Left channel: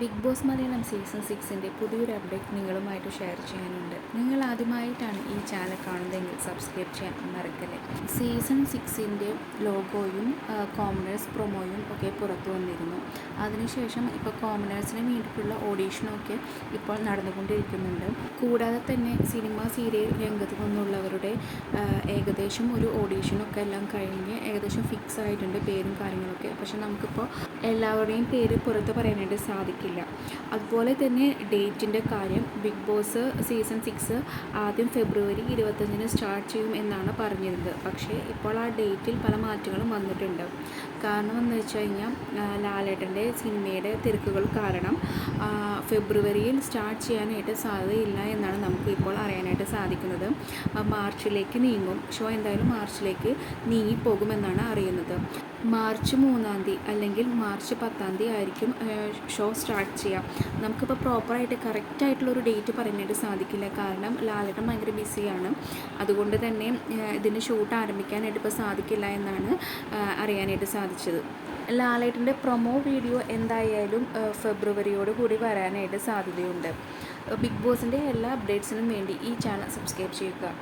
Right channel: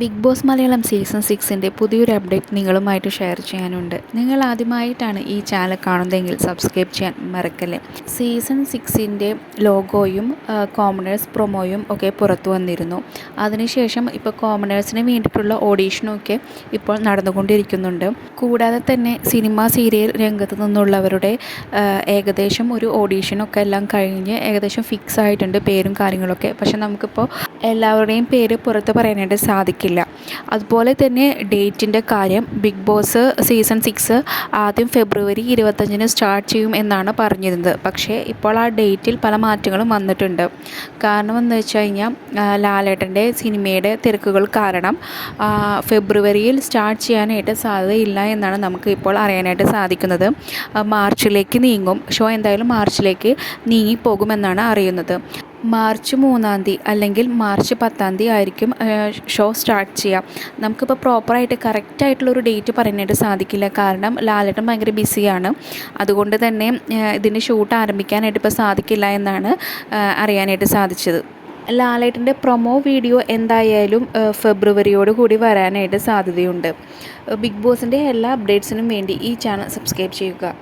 Big boss Malayalam season 6ൻ്റെ പുതിയൊരു update നിങ്ങളുമായിട്ട് share ചെയ്യാനുണ്ട്. നിങ്ങൾ ആദ്യമായിട്ടാണ് ഈ ചാനൽ കാണുന്നതെങ്കിൽ സബ്സ്ക്രൈബ് ചെയ്യാൻ മറക്കല്ലേ. സീസൺ 6ൻ്റെ ലോഗോയും കോമണേഴ്സ് പ്രൊമോയും ഒക്കെ പുറത്തു വന്നിരുന്നു. അതിനുശേഷം ഇപ്പോൾ കോമണേഴ്സിന് വേണ്ടിയിട്ടുള്ള ഓഡീഷനൊക്കെ ഇപ്പോൾ നടന്നുകൊണ്ടിരിക്കുന്നുണ്ട്. കൂടാതെ തന്നെ സിനിമ സീരിയൽ രംഗത്ത് നിന്നുള്ളവരുടെ ഏകദേശം ഒരു ഓഡീഷനൊക്കെ എല്ലാം കഴിഞ്ഞ് ഏകദേശം ഫിക്സ് ആയിട്ടുണ്ട് പേരും കാര്യങ്ങളൊക്കെ. പക്ഷെ നമുക്കിപ്പോൾ എല്ലാവരുടെയും പേര് പുറത്ത് പറയാനായിട്ട് സാധിക്കില്ല. അതുപോലെ തന്നെ ഡേറ്റിൻ്റെ കാര്യം, ബിഗ് ബോസ് സീസൺ 6 ആദ്യം ഫെബ്രുവരി 25-ന് സ്റ്റാർട്ട് ചെയ്യും എന്നാണ് പറഞ്ഞിരുന്നത്. പക്ഷേ ഇപ്പോൾ ആ ഡേറ്റിൽ പല മാറ്റങ്ങളും വന്നിട്ടുണ്ട്. കാരണം എന്ന് വെച്ച് കഴിഞ്ഞാൽ ലാലേട്ടൻ്റെ സിനിമയുടെ തിരക്കുകൾ കാരണം ഫെബ്രുവരിയിൽ സ്റ്റാർട്ട് ചെയ്യാനായിട്ട് സാധ്യതയില്ല എന്നാണ് നമുക്ക് ഇപ്പോൾ അറിയാനായിട്ട് സാധിക്കുന്നത്. മാർച്ചിലേക്ക് നീങ്ങും. ഷോ എന്തായാലും മാർച്ചിലേക്ക് നീങ്ങിപ്പോകുമെന്നാണ് അറിയുന്നത്. മാർച്ച് 3-ാം തീയതി അല്ലെങ്കിൽ മാർച്ച് 10-ാം തീയതി ആയിരിക്കും ഷോ സ്റ്റാർട്ട് ചെയ്യുക. നമുക്കിപ്പോൾ പ്രോപ്പറായിട്ട് കറക്റ്റായിട്ടുള്ളൊരു ഡേറ്റ് പറയാനായിട്ട് സാധിക്കില്ല. കാരണം ലാലേട്ടൻ ഭയങ്കര ബിസിയാണ്. അതുകൊണ്ട് തന്നെ ഇതിൻ്റെ ഷൂട്ട് ആരംഭിക്കാനായിട്ട് ഇപ്പോൾ സാധിക്കില്ല എന്നാണ് അറിയാനായിട്ട് സാധിച്ചത്. ലാലേട്ടൻ്റെ പ്രൊമോ വീഡിയോ എന്തായാലും ഫെബ്രുവരിയോട് കൂടി വരാനായിട്ട് സാധ്യതയുണ്ട്. ബിഗ് ബോസിൻ്റെ എല്ലാ അപ്ഡേറ്റ്സിനും വേണ്ടി ഈ ചാനൽ സബ്സ്ക്രൈബ് ചെയ്യുക.